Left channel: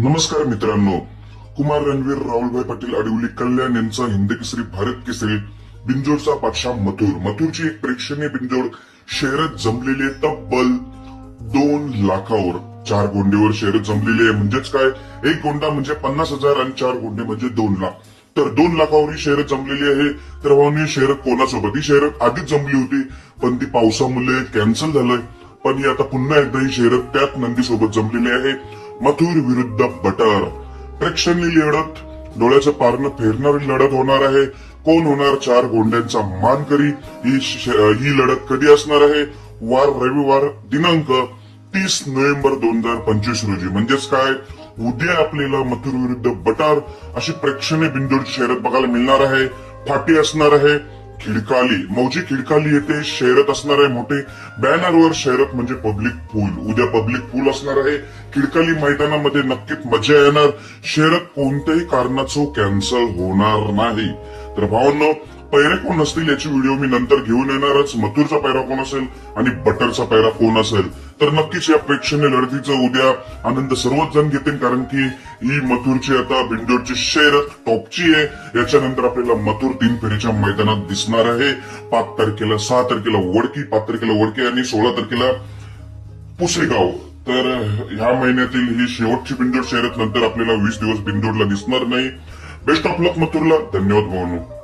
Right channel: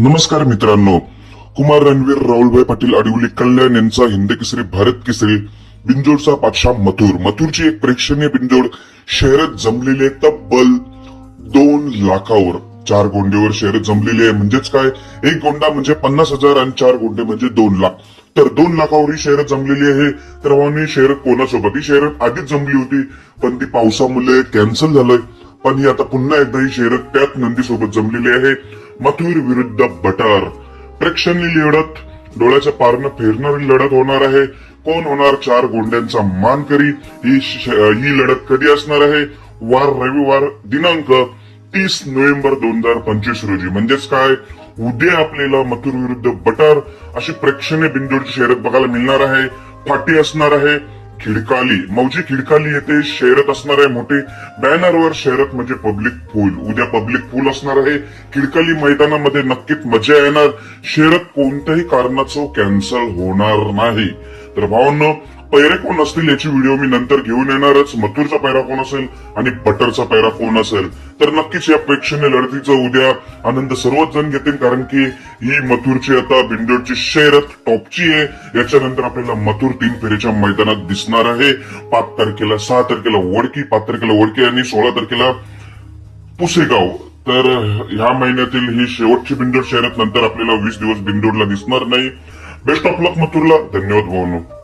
नमस्कार मित्रांनो. कुमार रणवीर राहुलभाई पाटील अडिवली कल्याण यांचा हिंद केसरी भारत केसरी बिंजोडचा पाठशा मथुर. मथुरची एक प्रेक्षणीय बिंजोड शहरात जमलेले तब्बल दोन लाखावर चार गोंडेवर शहरात जमलेली आहे. म्हणजेच काय? एक गोंडा म्हणजे पन्नास हजार आणि चार गोंडे म्हणजे दोन लाख. तर दोन लाखावर ही शहरात जमलेली आहे. तर ही शहरात कोणासोबत? ही शहरात आधीच जमली होती. पण ती पावसामुळे कॅन्सल झालं पण ही आता पुन्हा एकदा ही शहरात त्याच नंदीसोबत जमलेली आहे. मथुर विरुद्ध बटर. प्रेक्षणीय लढत. डोळ्याचं पारणं फेरणारी लढत होणार आहे. कोण होणार चार गोंड्यांचा मानकरी ही ही लढत कधी असणार आहे? वार रविवार दिनांक तीस नोव्हेंबर दोन हजार पंचवीस रोजी. म्हणजेच काय? उद्या आपल्याला मथुर विरुद्ध बटार. अशी प्रेक्षणीय बिंदूची शहरात बघायला मिळणार आहे. फाटी असणार आहे. खिडकाली. मौजी खिडकाली येथे शर्यत असणार आहे मोठी बॅनरवर शहरत म्हणजे पब्लिक पूल उद्या पब्लिक पूल असणार आहे. खिडकाली मैदानामध्ये नक्कीच मजा येणार. शर्यत कोणत्याही कारणाचं कॅन्सल होणार नाही. तर भावांनो पैरे कोण असतील याची व्हिडिओ मी नंतर घेऊन येणारच. मथुरचा पैरा कोण असेल आणि बटरचा पैरा कोण असेल? तर नक्कीच या प्रेक्षणीय लढतीचा उद्या आनंद सर्वच जण घेतील कारण की ही मथुरची आता बिंदूरची शेरत टॉपची आहे. याच्यानंतर आपल्याला मथुर तीन फेरीच्या मैदानात दिसणार आहे. पाच तारखेला सहा तारखेला वडकी पाच तारखेला वडकी आणि सोळा तारखेला पुसेगाव. तर ह्या महिन्यातील ही शेवटची बिंदूर शहरात नंतर आपल्याला वीस दिवस बिंदूरला दिसणार नाही. बेस्ट ऑफ लक मथुरला. धन्यवाद भाऊ